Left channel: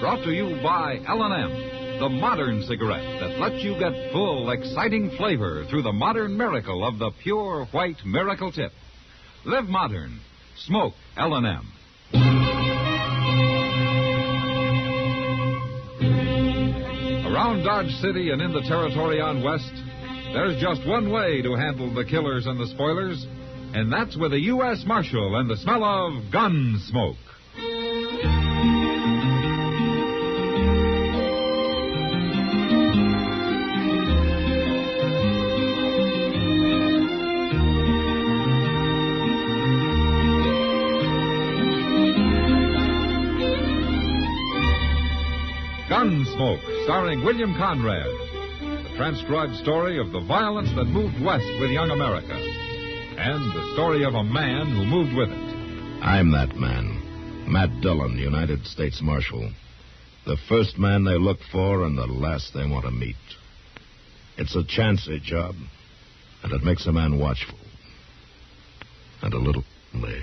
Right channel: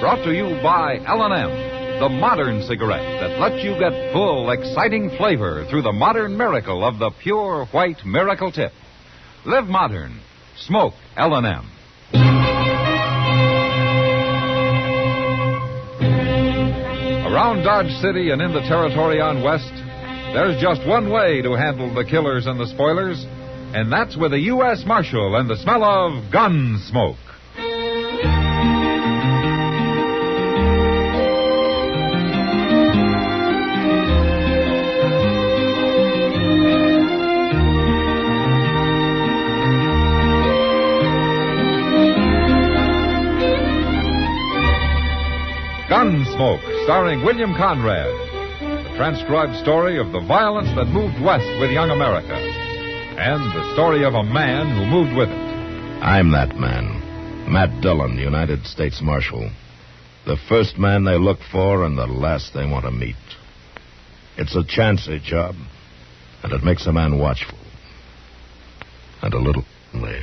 Brought to you by L&M, the modern cigarette that lets you get full, exciting flavor through the modern miracle of the pure white Miracle Tip. Live modern. Smoke L&M. Around Dodge City and in the territory on West, there's just one way to handle the killers and the spoilers, and that's with a U.S. Marshal and the smell of Gunsmoke. Gunsmoke, starring William Conrad. The transcribed story of the violence that moved west with young America. And the story of a man who moved with it. I'm that man. Matt Dillon, United States Marshal. The first man they look for and the last they want to meet. It's a chancy job, and it makes a man watchful. And a little lonely.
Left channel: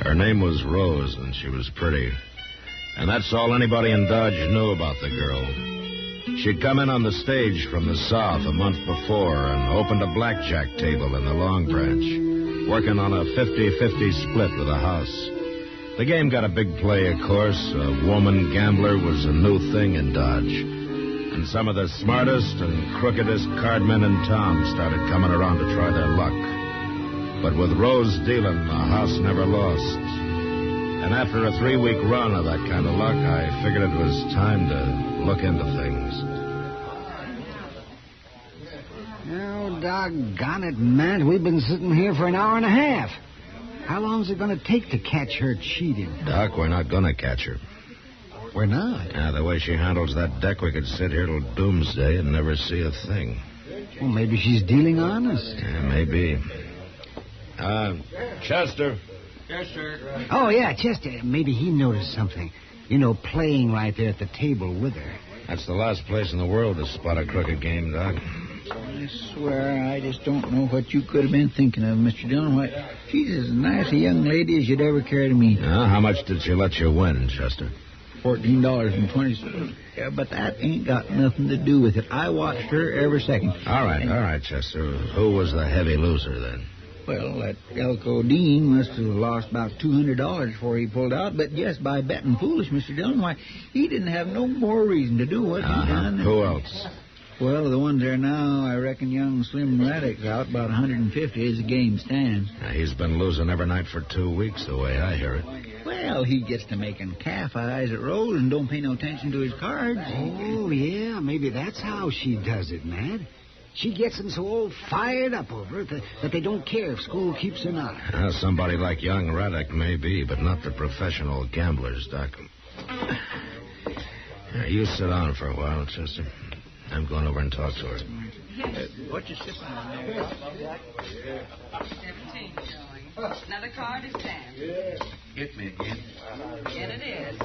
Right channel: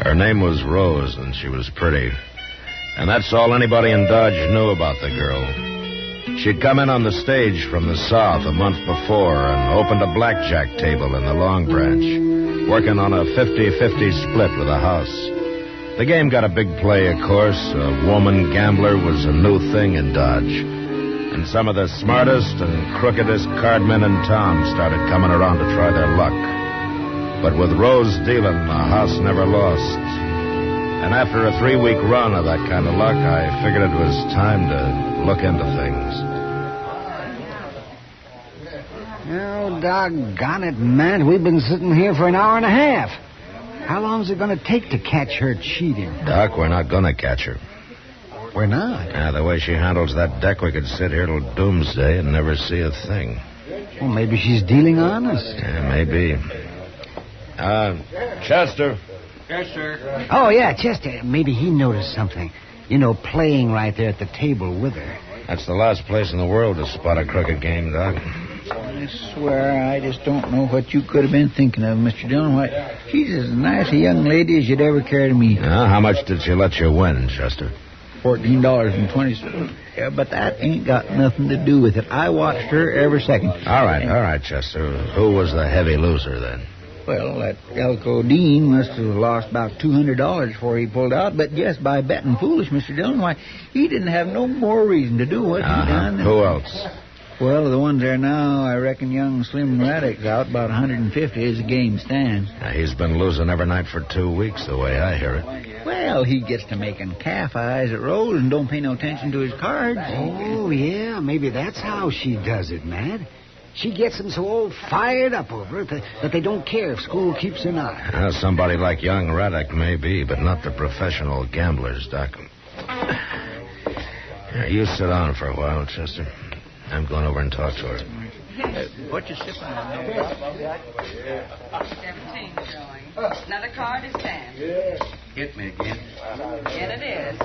Her name was Rose, and she was pretty. And that's all anybody in Dodge knew about the girl. She'd come in on the stage from the South a month before and opened a blackjack table in the Long Branch, working on a 50-50 split with a house. The game got a big play, of course. A woman gambler was a new thing in Dodge. And some of the smartest and crookedest cardmen in town started coming around to try their luck. But with Rose dealing, the house never lost. And after a 3-week run of that kind of luck, I figured it was time to look into things. Oh, doggone it, Matt. We've been sitting here for an hour and a half. How long is it going to take to catch her cheating? Doc, we're not going to catch her. We're not? Yeah, the way she handles that deck, we could sit here till doomsday and never see a thing. Well, maybe she's dealing honest. Yeah, maybe. Chester. Yes, sir. Oh, yeah, Chester. Maybe he noticed something. You know, playing right there at the table with her. That's the last place in the world to spot a crooked game, Doc. I swear, I just don't know what you could have been thinking of, Mr. Dillon. Why, she's as nice a young lady as you'd ever care to meet. How much did she let you win, Chester? $14.20. Yeah, but that ain't got nothing to do with it. I watched her every second. All right, Chester. Who was the heavy loser, then? Well, that Elko Dean must have lost about $200 before he pulled out, but just by betting foolish, Mr. Dillon, why, he didn't have no more reason to do what he done. Who else? Well, the ones there now, I reckon young Slim Raddick's out about 150 as the game stands. He's been losing every night for 2 weeks, the way I hear it. Well, he gets to making calf eyes at Rose and don't pay no attention to his cards. Oh, yeah, maybe that's how she does it, Matt. She gets them so all fired up over it that they don't care if school keeps or not. Somebody like young Raddick may be, but not the professional gamblers, Doc. You sit down for a while, Chester. I'm going over and talk to her. What you sipping on there? 17 showing. Another card is 10. Hit me again. And it is.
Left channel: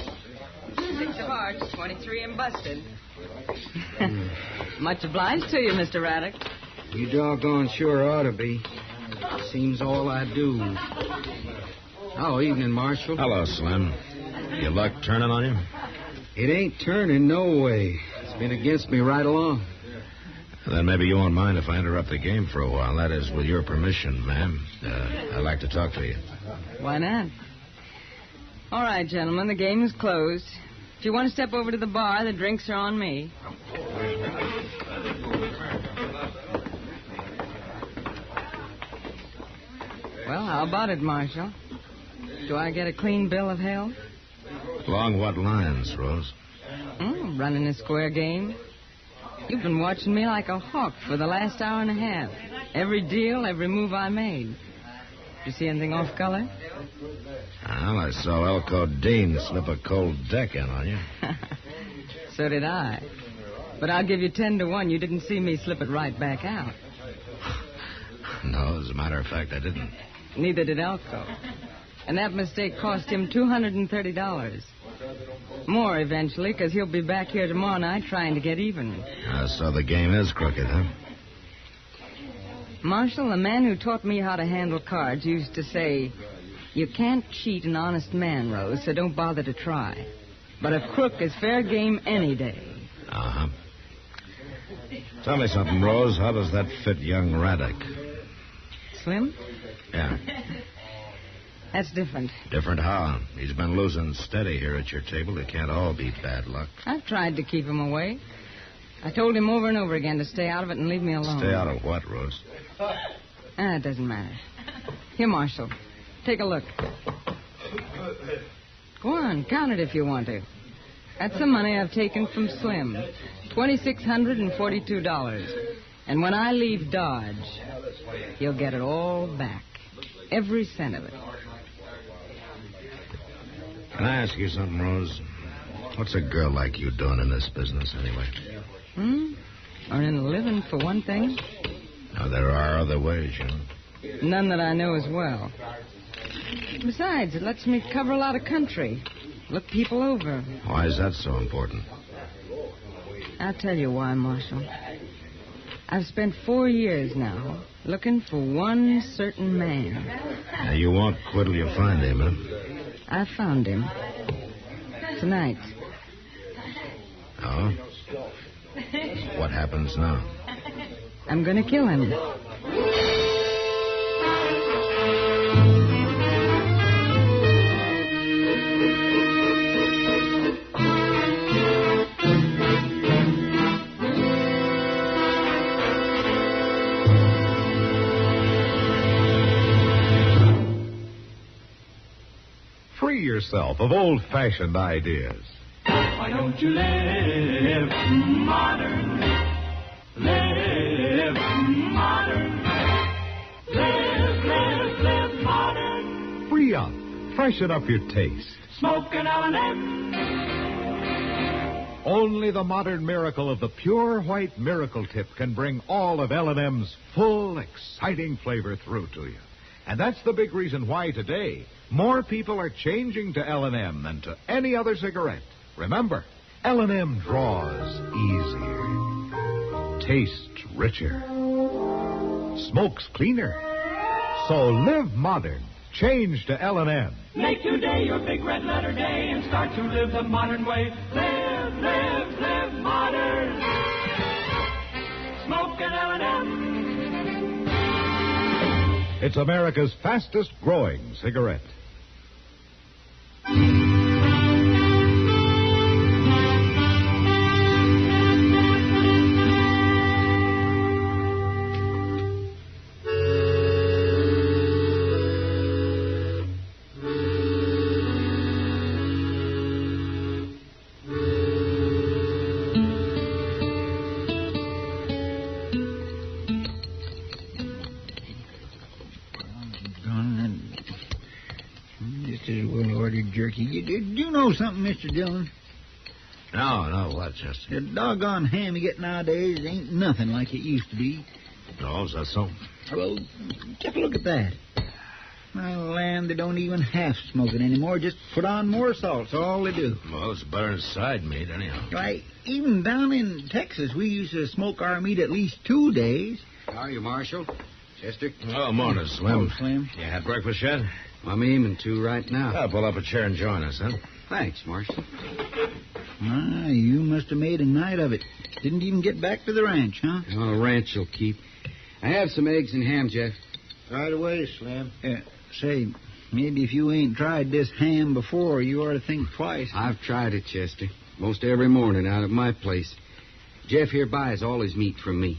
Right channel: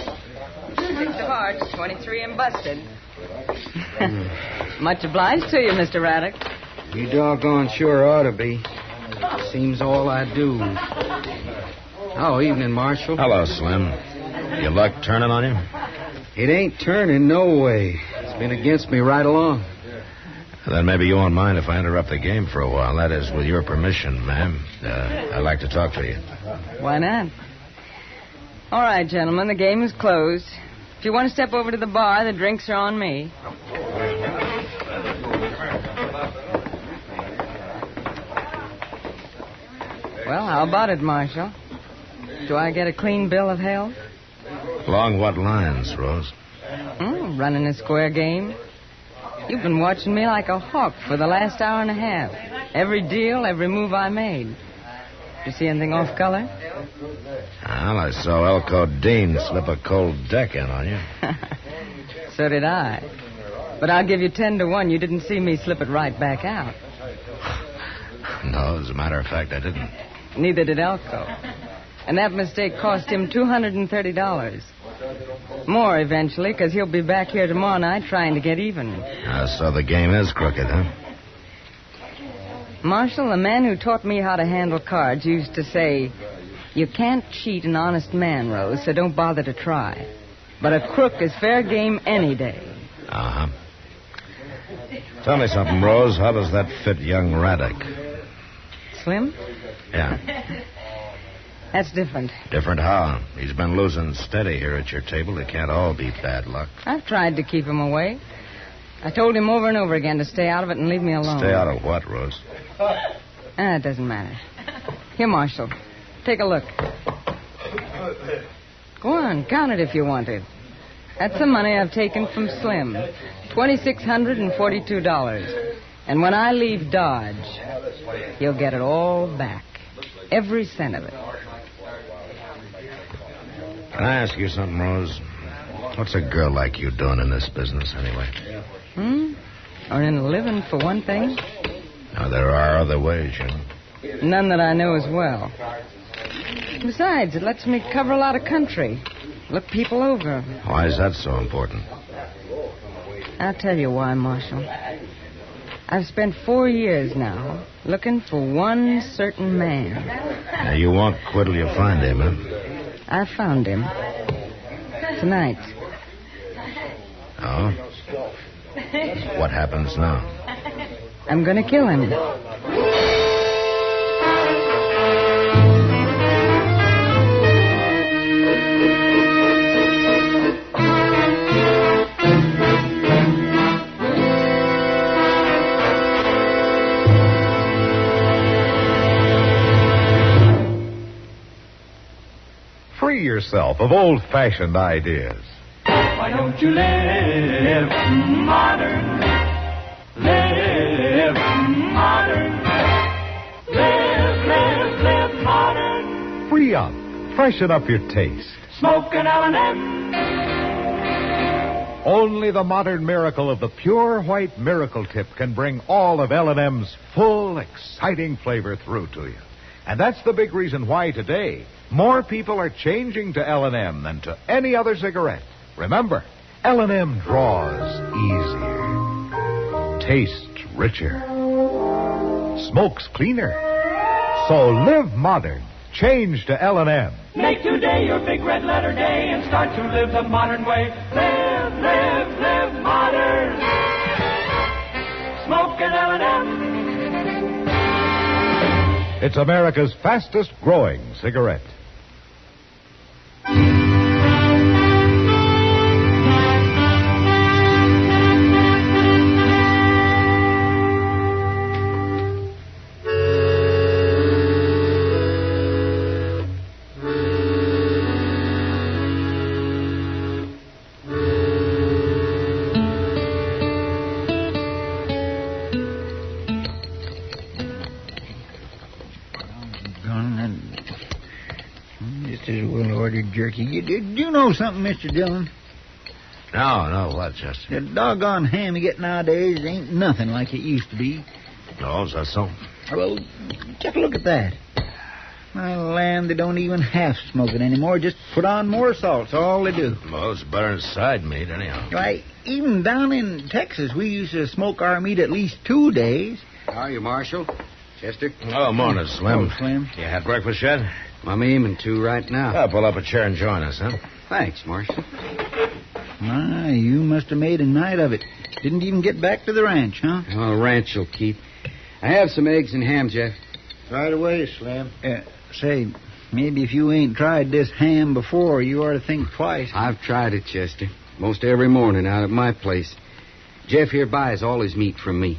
6 of hearts, 23 and busted. Much obliged to you, Mr. Raddick. You doggone sure ought to be. Seems all I do. Oh, evening, Marshal. Hello, Slim. Your luck turning on you? It ain't turning no way. It's been against me right along. Then maybe you won't mind if I interrupt the game for a while. That is, with your permission, ma'am. I'd like to talk to you. Why not? All right, gentlemen, the game is closed. If you want to step over to the bar, the drinks are on me. Well, how about it, Marshal? Do I get a clean bill of health? Along what lines, Rose? Running a square game. You've been watching me like a hawk for the last hour and a half. Every deal, every move I made. You see anything off color? Well, I saw Elko Dean slip a cold deck in on you. So did I. But I'll give you 10 to 1. You didn't see me slip it right back out. No, as a matter of fact, I didn't. Neither did Elko. And that mistake cost him $230. More eventually, because he'll be back here tomorrow night trying to get even. So the game is crooked, huh? Marshal, the man who taught me how to handle cards used to say, you can't cheat an honest man, Rose, so don't bother to try. But a crook is fair game any day. Uh-huh. Tell me something, Rose. How does that fit young Raddick? Slim? Yeah. That's different. Different how? He's been losing steady here at your table. It can't all be bad luck. I've tried to keep him away. I told him over and over again to stay out of it and leave me alone. Stay out of what, Rose? It doesn't matter. Here, Marshal. Take a look. Go on, count it if you want it. That's the money I've taken from Slim. $2,642. And when I leave Dodge, he'll get it all back. Every cent of it. Can I ask you something, Rose? What's a girl like you doing in this business, anyway? Earning a living, for one thing. Now, there are other ways, you know. None that I know as well. Besides, it lets me cover a lot of country. Look people over. Why is that so important? I'll tell you why, Marshal. I've spent 4 years now looking for one certain man. Now, you won't quit till you find him, huh? I found him. Tonight. Oh? What happens now? I'm going to kill him. Free yourself of old-fashioned ideas. Why don't you live modern? Live modern. Live modern. Free up. Freshen up your taste. Smoke an L&M. Only the modern miracle of the pure white miracle tip can bring all of L&M's full, exciting flavor through to you. And that's the big reason why today more people are changing to L&M than to any other cigarette. Remember, L&M draws easier, tastes richer, smokes cleaner. So live modern. Change to L&M. Make today your big red letter day and start to live the modern way. Live modern. Smoke an L&M. It's America's fastest growing cigarette. Just as well ordered jerky. You know something, Mr. Dillon? No, what, Chester? The doggone ham you get nowadays ain't nothing like it used to be. No, is that so? Well, just look at that. My land, they don't even half smoke it anymore. Just put on more salt. That's all they do. Well, it's better than side meat, anyhow. Why, even down in Texas, we used to smoke our meat at least 2 days. How are you, Marshal? Chester? Oh, morning, Slim. Oh, Slim. You had breakfast yet? I'm aiming to right now. Pull up a chair and join us, huh? Thanks, Marshal. My, you must have made a night of it. Didn't even get back to the ranch, huh? Oh, ranch will keep. I have some eggs and ham, Jeff. Right away, Slim. Say, maybe if you ain't tried this ham before, you ought to think twice. I've tried it, Chester. Most every morning out at my place. Jeff here buys all his meat from me.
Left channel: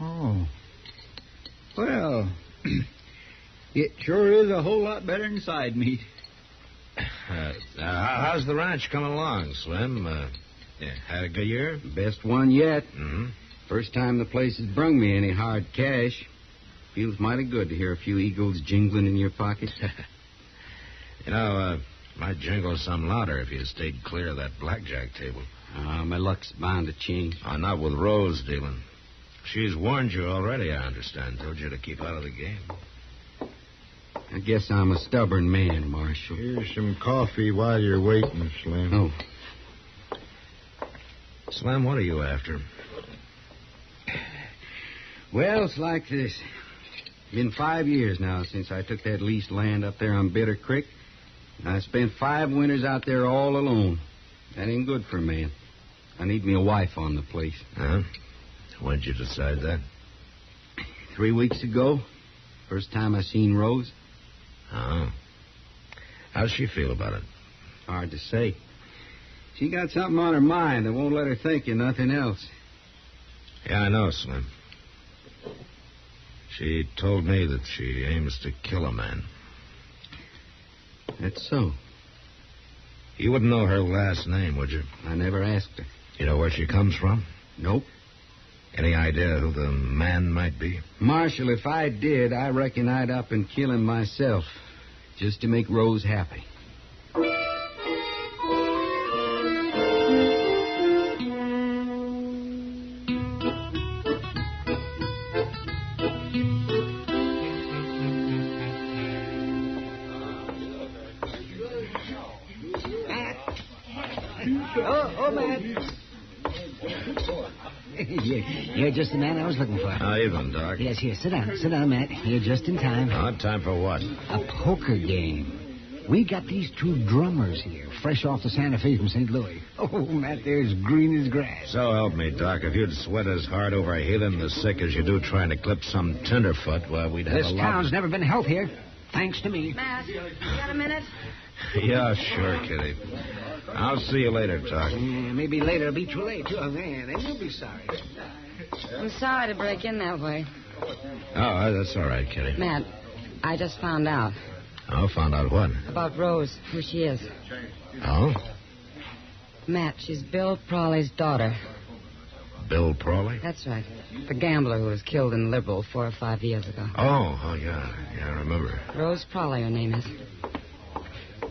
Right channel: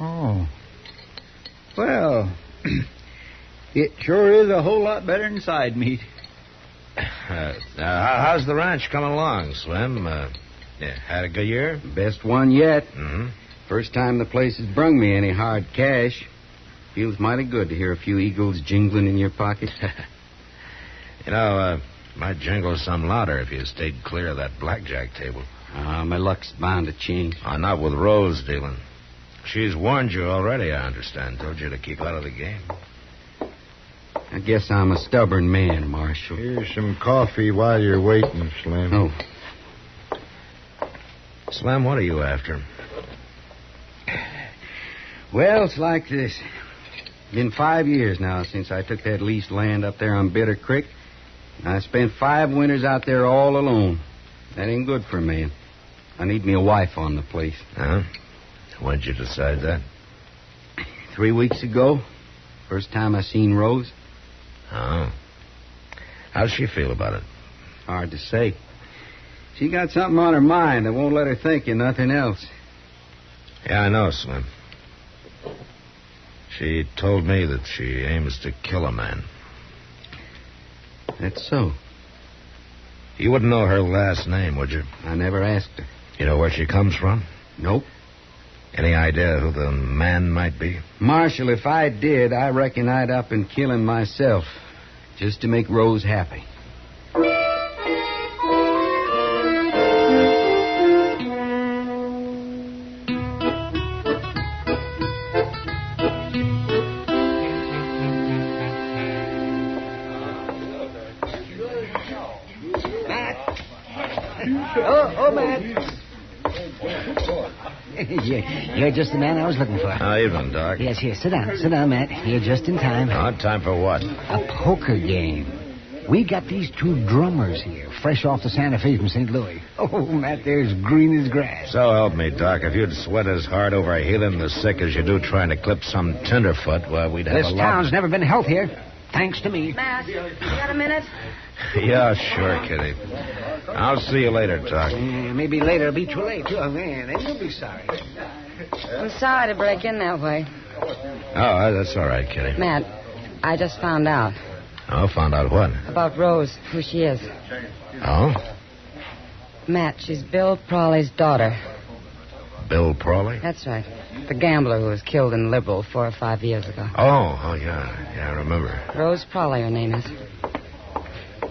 Oh. Well, it sure is a whole lot better than side meat. How's the ranch coming along, Slim? Had a good year? Best one yet. Mm-hmm. First time the place has brung me any hard cash. Feels mighty good to hear a few eagles jingling in your pocket. Might jingle some louder if you stayed clear of that blackjack table. My luck's bound to change. Not with Rose, Dillon. She's warned you already, I understand. Told you to keep out of the game. I guess I'm a stubborn man, Marshal. Here's some coffee while you're waiting, Slim. Oh. Slim, what are you after? Well, it's like this. Been 5 years now since I took that leased land up there on Bitter Creek. And I spent 5 winters out there all alone. That ain't good for a man. I need me a wife on the place. Huh? When'd you decide that? 3 weeks ago. First time I seen Rose. Oh. How's she feel about it? Hard to say. She got something on her mind that won't let her think of nothing else. Yeah, I know, Slim. She told me that she aims to kill a man. That's so. You wouldn't know her last name, would you? I never asked her. You know where she comes from? Nope. Any idea who the man might be? Marshal, if I did, I reckon I'd up and kill him myself. Just to make Rose happy. Oh, Matt. You're just the man I was looking for. How evening, Doc. Yes, here. Sit down, Matt. You're just in time. Time for what? A poker game. We got these 2 drummers here, fresh off the Santa Fe from St. Louis. Oh, Matt, they're as green as grass. So help me, Doc. If you'd sweat as hard over healing the sick as you do trying to clip some tenderfoot, well, we'd have This a lot... town's never been healthier, thanks to me. Matt, you got a minute? Yeah, sure, Kitty. I'll see you later, Doc. Maybe later it'll be too late, too. Oh, man, then you'll be sorry. I'm sorry to break in that way. Oh, that's all right, Kitty. Matt, I just found out. Oh, found out what? About Rose, who she is. Oh? Matt, she's Bill Prawley's daughter. Bill Prawley? That's right. The gambler who was killed in Liberal 4 or 5 years ago. Oh, yeah. Yeah, I remember. Rose Prawley, her name is.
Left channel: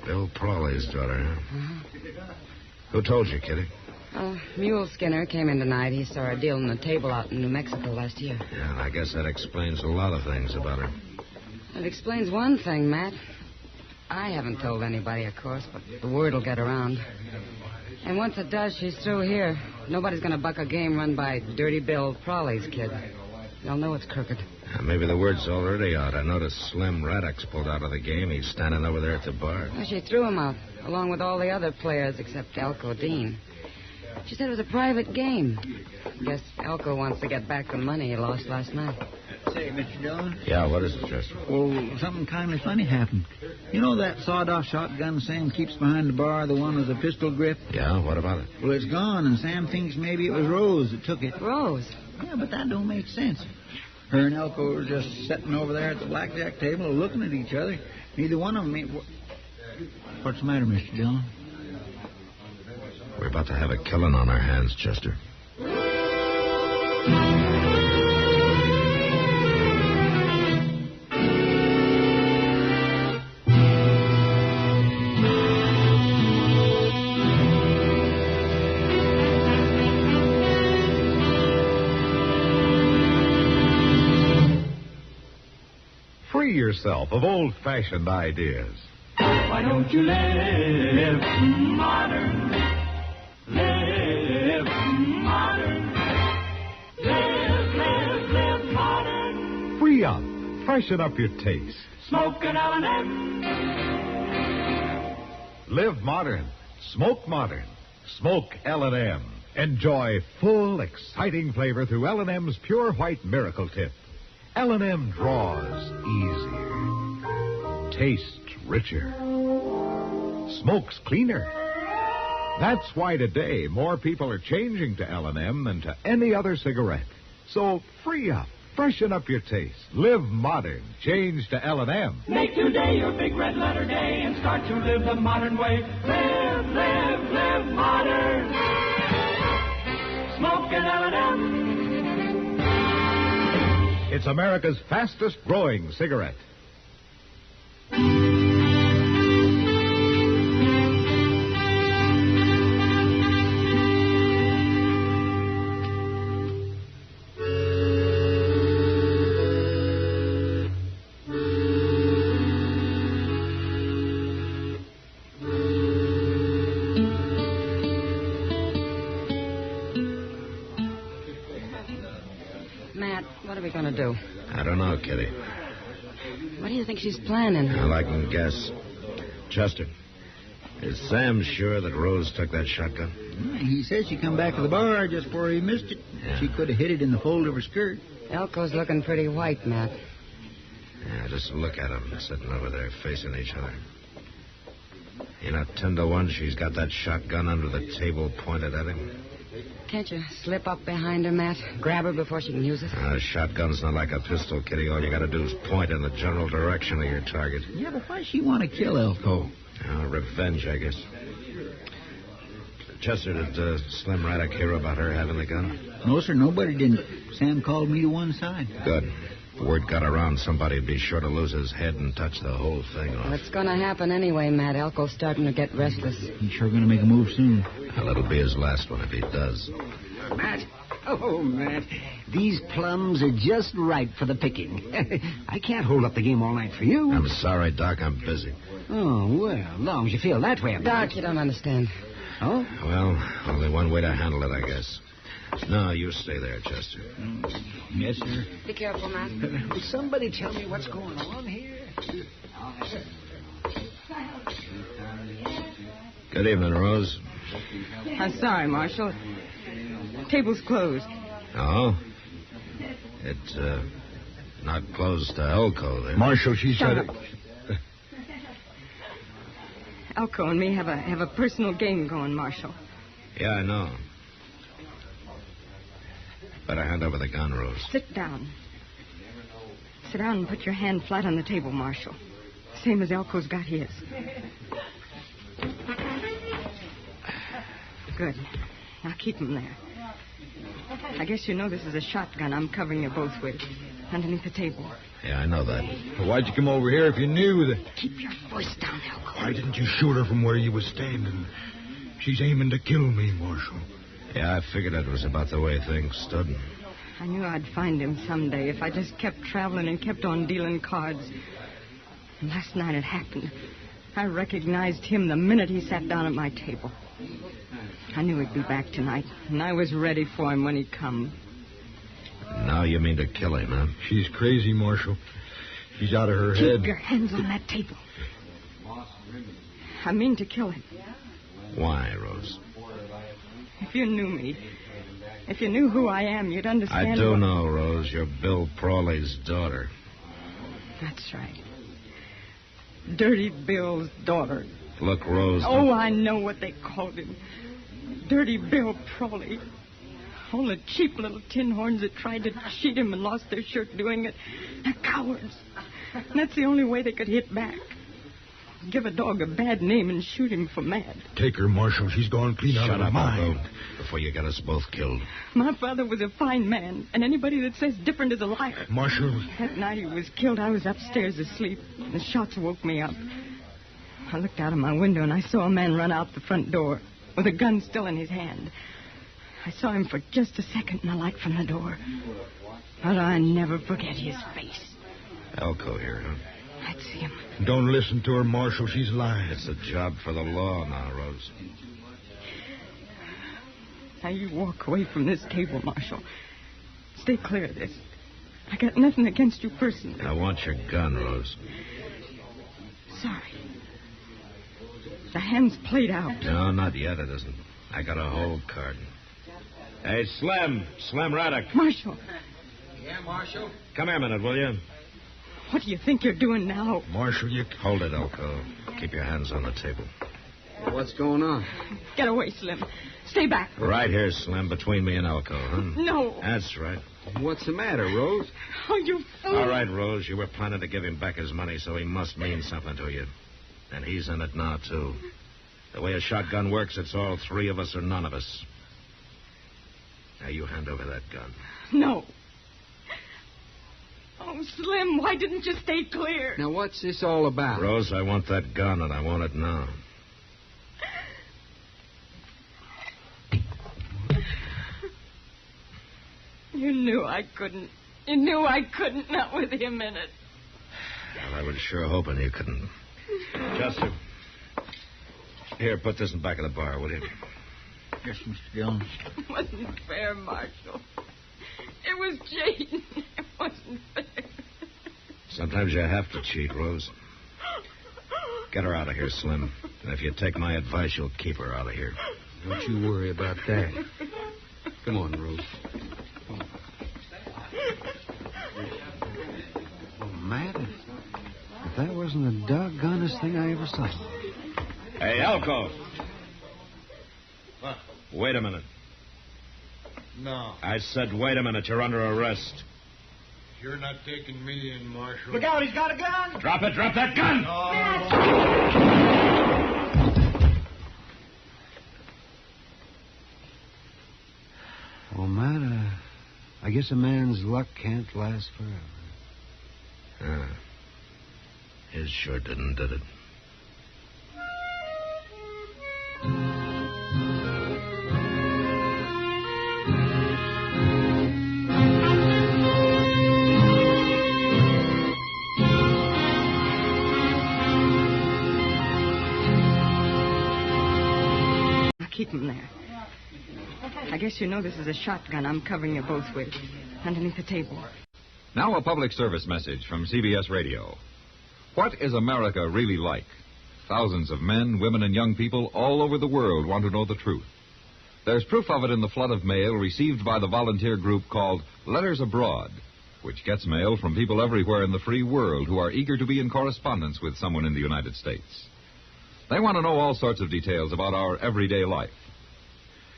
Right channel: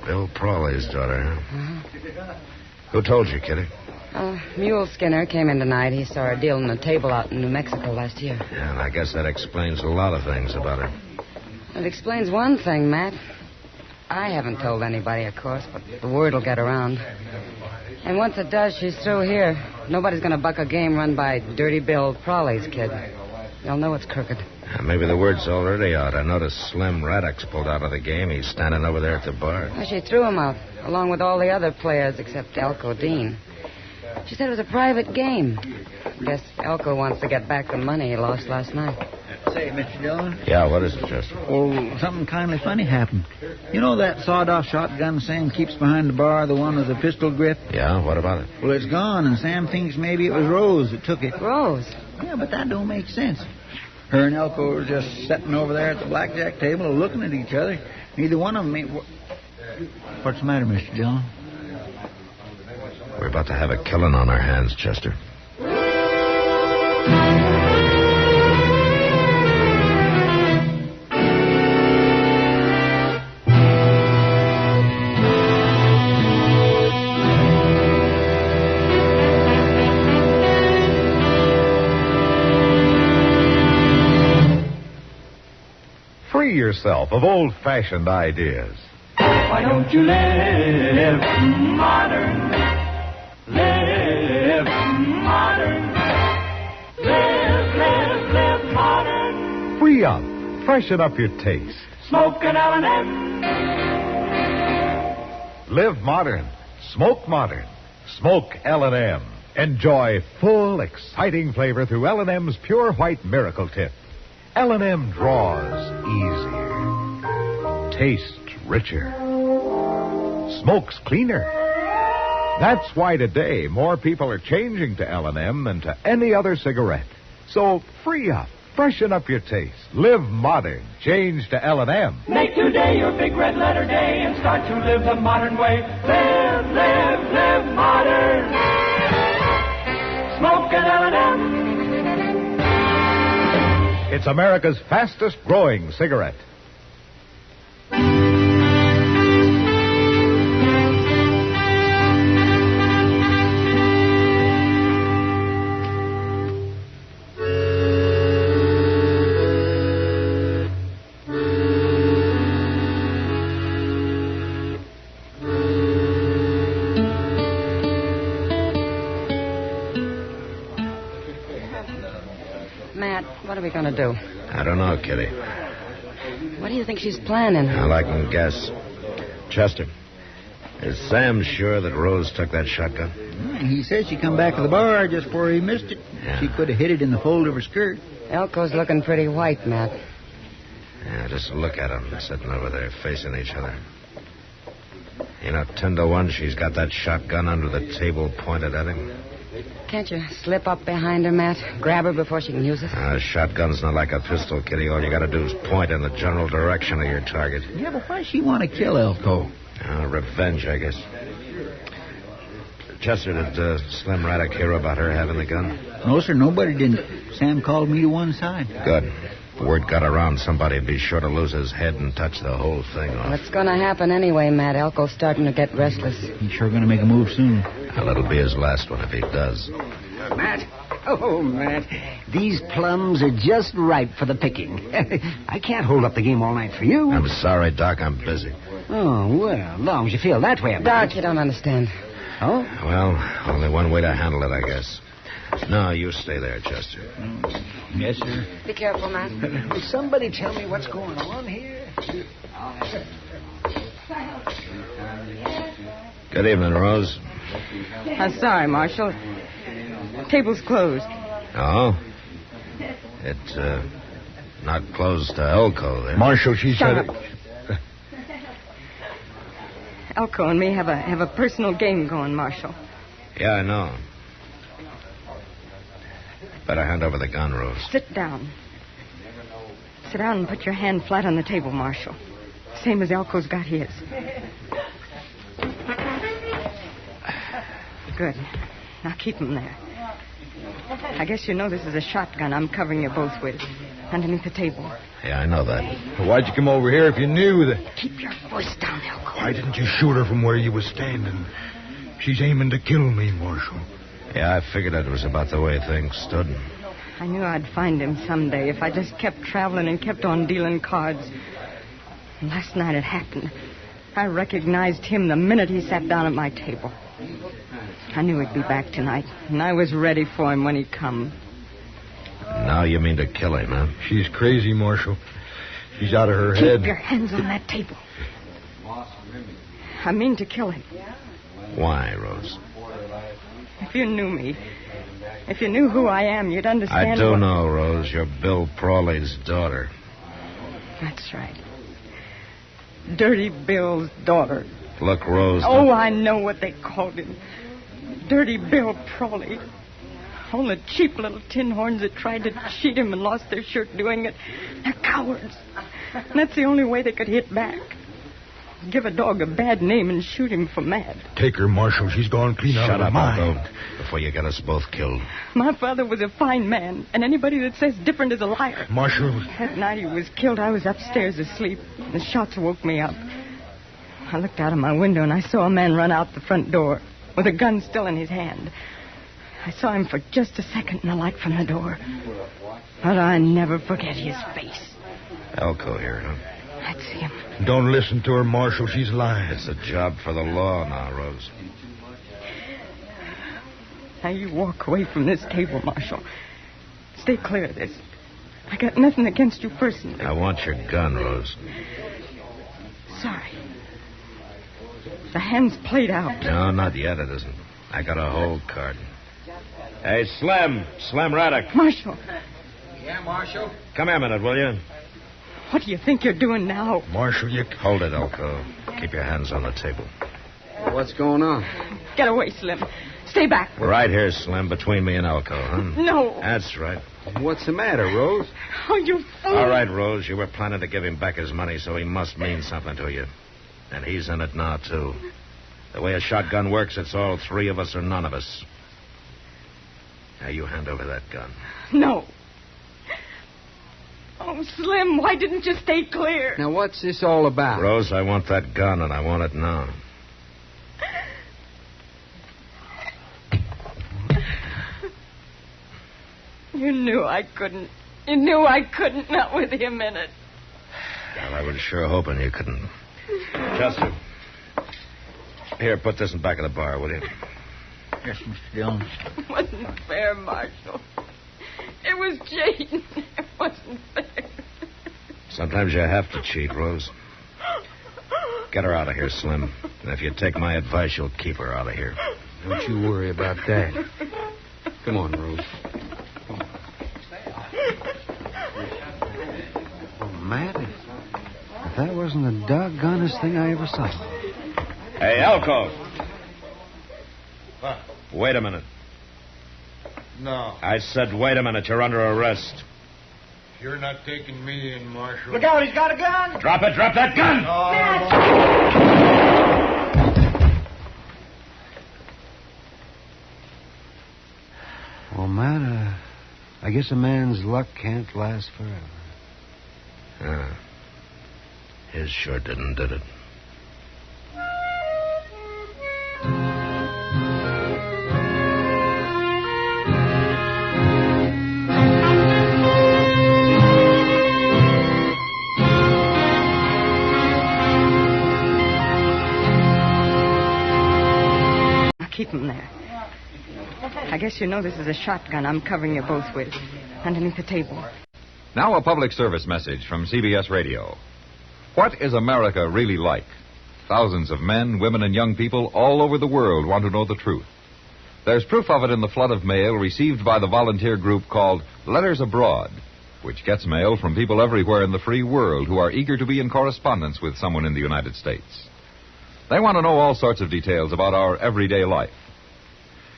Bill Prawley's daughter, huh? Uh-huh. Who told you, Kitty? Mule Skinner came in tonight. He saw her dealing the table out in New Mexico last year. Yeah, and I guess that explains a lot of things about her. It explains one thing, Matt. I haven't told anybody, of course, but the word will get around. And once it does, she's through here. Nobody's going to buck a game run by Dirty Bill Prawley's kid. They'll know it's crooked. Maybe the word's already out. I noticed Slim Raddock's pulled out of the game. He's standing over there at the bar. Well, she threw him out, along with all the other players except Elko Dean. She said it was a private game. Guess Elko wants to get back the money he lost last night. Say, Mr. Dillon. Yeah, what is it, Chester? Well, something kind of funny happened. You know that sawed-off shotgun Sam keeps behind the bar, the one with the pistol grip? Yeah, what about it? Well, it's gone, and Sam thinks maybe it was Rose that took it. Rose? Yeah, but that don't make sense. Her and Elko were just sitting over there at the blackjack table looking at each other. Neither one of them ain't... What's the matter, Mr. Dillon? We're about to have a killing on our hands, Chester. Free yourself of old-fashioned ideas. Why don't you live modern? Live modern. Live modern. Free up. Freshen up your taste. Smoke an L&M. Live modern. Smoke modern. Smoke L&M. Enjoy full, exciting flavor through L&M's Pure White Miracle Tip. L&M draws easier. Tastes richer. Smokes cleaner. That's why today more people are changing to L&M than to any other cigarette. So free up. Freshen up your taste. Live modern. Change to L&M. Make today your big red letter day and start to live the modern way. Live, live, live modern. Smoke an L&M. It's America's fastest growing cigarette. are we going to do? I don't know, Kitty. What do you think she's planning? All I can guess. Chester, is Sam sure that Rose took that shotgun? He says she come back to the bar just before he missed it. Yeah. She could have hid it in the fold of her skirt. Elko's looking pretty white, Matt. Yeah, just look at them sitting over there facing each other. You know, 10 to 1, she's got that shotgun under the table pointed at him. Can't you slip up behind her, Matt? Grab her before she can use it? A shotgun's not like a pistol, Kitty. All you got to do is point in the general direction of your target. Yeah, but why does she want to kill Elko? Revenge, I guess. Chester, did Slim Raddick hear about her having the gun? No, sir, nobody didn't. Sam called me to one side. Good. If word got around, somebody'd be sure to lose his head and touch the whole thing off. Well, it's going to happen anyway, Matt. Elko's starting to get restless. He's sure going to make a move soon. Well, it'll be his last one if he does. Matt? Oh, Matt. These plums are just ripe for the picking. I can't hold up the game all night for you. I'm sorry, Doc. I'm busy. Oh, well, as long as you feel that way about Doc, you don't understand. Oh? Well, only one way to handle it, I guess. No, you stay there, Chester. Yes, sir. Be careful, Matt. Will somebody tell me what's going on here? Good evening, Rose. I'm sorry, Marshal. The table's closed. Oh? It's, not closed to Elko, then. Marshal, she Shut said up. Elko and me have a personal game going, Marshal. Yeah, I know. Better hand over the gun, Rose. Sit down. Sit down and put your hand flat on the table, Marshal. Same as Elko's got his. Good. Now keep him there. I guess you know this is a shotgun I'm covering you both with. Underneath the table. Yeah, I know that. Why'd you come over here if you knew that? Keep your voice down, Elko. Why didn't you shoot her from where you was standing? She's aiming to kill me, Marshal. Yeah, I figured it was about the way things stood. I knew I'd find him someday if I just kept traveling and kept on dealing cards. And last night it happened. I recognized him the minute he sat down at my table. I knew he'd be back tonight, and I was ready for him when he come. Now you mean to kill him, huh? She's crazy, Marshal. She's out of her head. Keep your hands on that table. I mean to kill him. Why, Rose? If you knew me, if you knew who I am, you'd understand. I do know, Rose. You're Bill Prawley's daughter. That's right. Dirty Bill's daughter. Look, Rose. Oh, I know what they called him. Dirty Bill Prawley. All the cheap little tin horns that tried to cheat him and lost their shirt doing it. They're cowards. And that's the only way they could hit back. Give a dog a bad name and shoot him for mad. Take her, Marshal. She's gone clean out Shut of up, her mind. Elko, before you get us both killed. My father was a fine man, and anybody that says different is a liar. Marshal. That night he was killed, I was upstairs asleep. The shots woke me up. I looked out of my window, and I saw a man run out the front door with a gun still in his hand. I saw him for just a second in the light from the door. But I never forget his face. Elko here, huh? That's him. Don't listen to her, Marshal. She's lying. It's a job for the law now, Rose. Now you walk away from this table, Marshal. Stay clear of this. I got nothing against you personally. I want your gun, Rose. Sorry. The hand's played out. No, not yet, it isn't. I got a whole card. Hey, Slim. Slim Raddick. Marshal, Yeah, Marshal? Come here a minute, will you? what do you think you're doing now? Marshal, you... Hold it, Elko. Keep your hands on the table. What's going on? Get away, Slim. Stay back. Right here, Slim, between me and Elko, huh? No. That's right. What's the matter, Rose? Oh, you fool. All right, Rose, you were planning to give him back his money, so he must mean something to you. And he's in it now, too. The way a shotgun works, it's all three of us or none of us. Now, you hand over that gun. No. Oh, Slim, why didn't you stay clear? Now, what's this all about? Rose, I want that gun, and I want it now. You knew I couldn't. You knew I couldn't, not with him in it. Well, I was sure hoping you couldn't. Chester. Here, put this in back of the bar, will you? Yes, Mr. Dillon. It wasn't fair, Marshal. It was Jane. wasn't fair. Sometimes you have to cheat, Rose. Get her out of here, Slim. And if you take my advice, you'll keep her out of here. Don't you worry about that. Come on, Rose. Oh, Matt, if that wasn't the doggonest thing I ever saw. Hey, Elko. What? Wait a minute. No. I said, wait a minute. You're under arrest. You're not taking me in, Marshal. Look out, he's got a gun! Drop it. Drop that gun! Well, Matt, I guess a man's luck can't last forever. His sure didn't, did it? Keep him there. I guess you know this is a shotgun I'm covering you both with, underneath the table. Now a public service message from CBS Radio. What is America really like? Thousands of men, women, and young people all over the world want to know the truth. There's proof of it in the flood of mail received by the volunteer group called Letters Abroad, which gets mail from people everywhere in the free world who are eager to be in correspondence with someone in the United States. They want to know all sorts of details about our everyday life.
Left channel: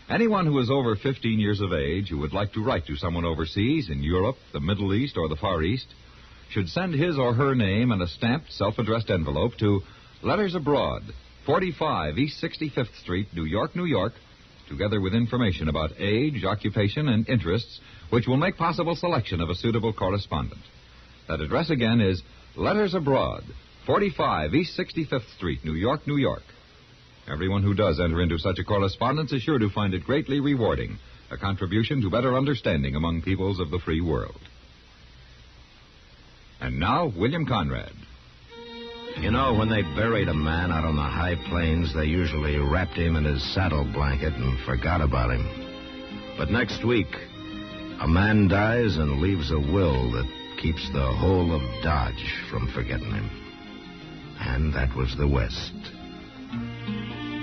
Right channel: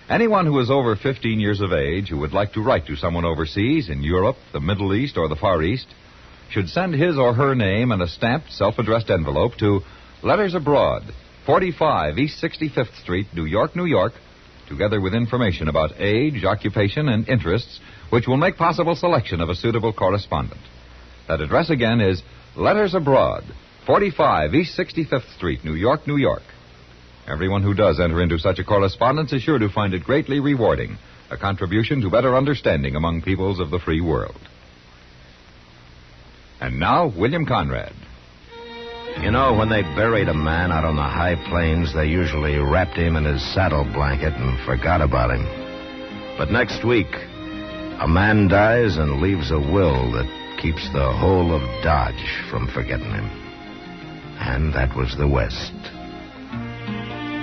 Anyone who is over 15 years of age who would like to write to someone overseas in Europe, the Middle East, or the Far East should send his or her name in a stamped, self-addressed envelope to Letters Abroad, 45 East 65th Street, New York, New York, together with information about age, occupation, and interests, which will make possible selection of a suitable correspondent. That address again is Letters Abroad, 45 East 65th Street, New York, New York. Everyone who does enter into such a correspondence is sure to find it greatly rewarding, a contribution to better understanding among peoples of the free world. And now, William Conrad. You know, when they buried a man out on the high plains, they usually wrapped him in his saddle blanket and forgot about him. But next week, a man dies and leaves a will that keeps the whole of Dodge from forgetting him. And that was the West.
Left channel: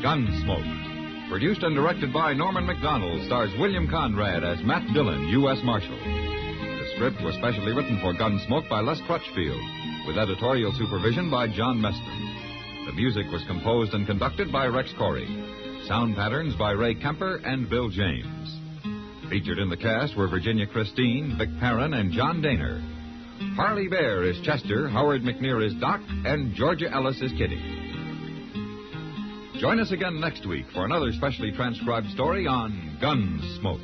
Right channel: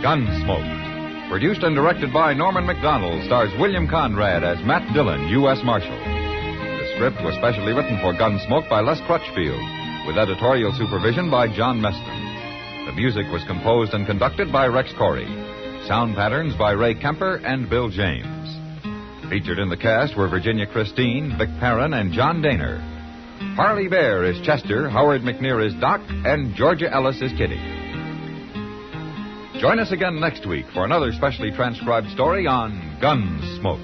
Gunsmoke. Produced and directed by Norman MacDonnell, stars William Conrad as Matt Dillon, U.S. Marshal. The script was specially written for Gunsmoke by Les Crutchfield, with editorial supervision by John Meston. The music was composed and conducted by Rex Corey. Sound patterns by Ray Kemper and Bill James. Featured in the cast were Virginia Christine, Vic Perrin, and John Daner. Parley Baer is Chester, Howard McNear is Doc, and Georgia Ellis is Kitty. Join us again next week for another specially transcribed story on Gunsmoke.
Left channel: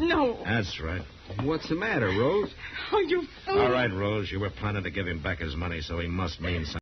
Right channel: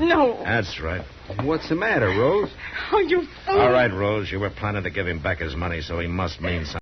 No. That's right. What's the matter, Rose? Oh, you fool. All right, Rose, you were planning to give him back his money, so he must mean something.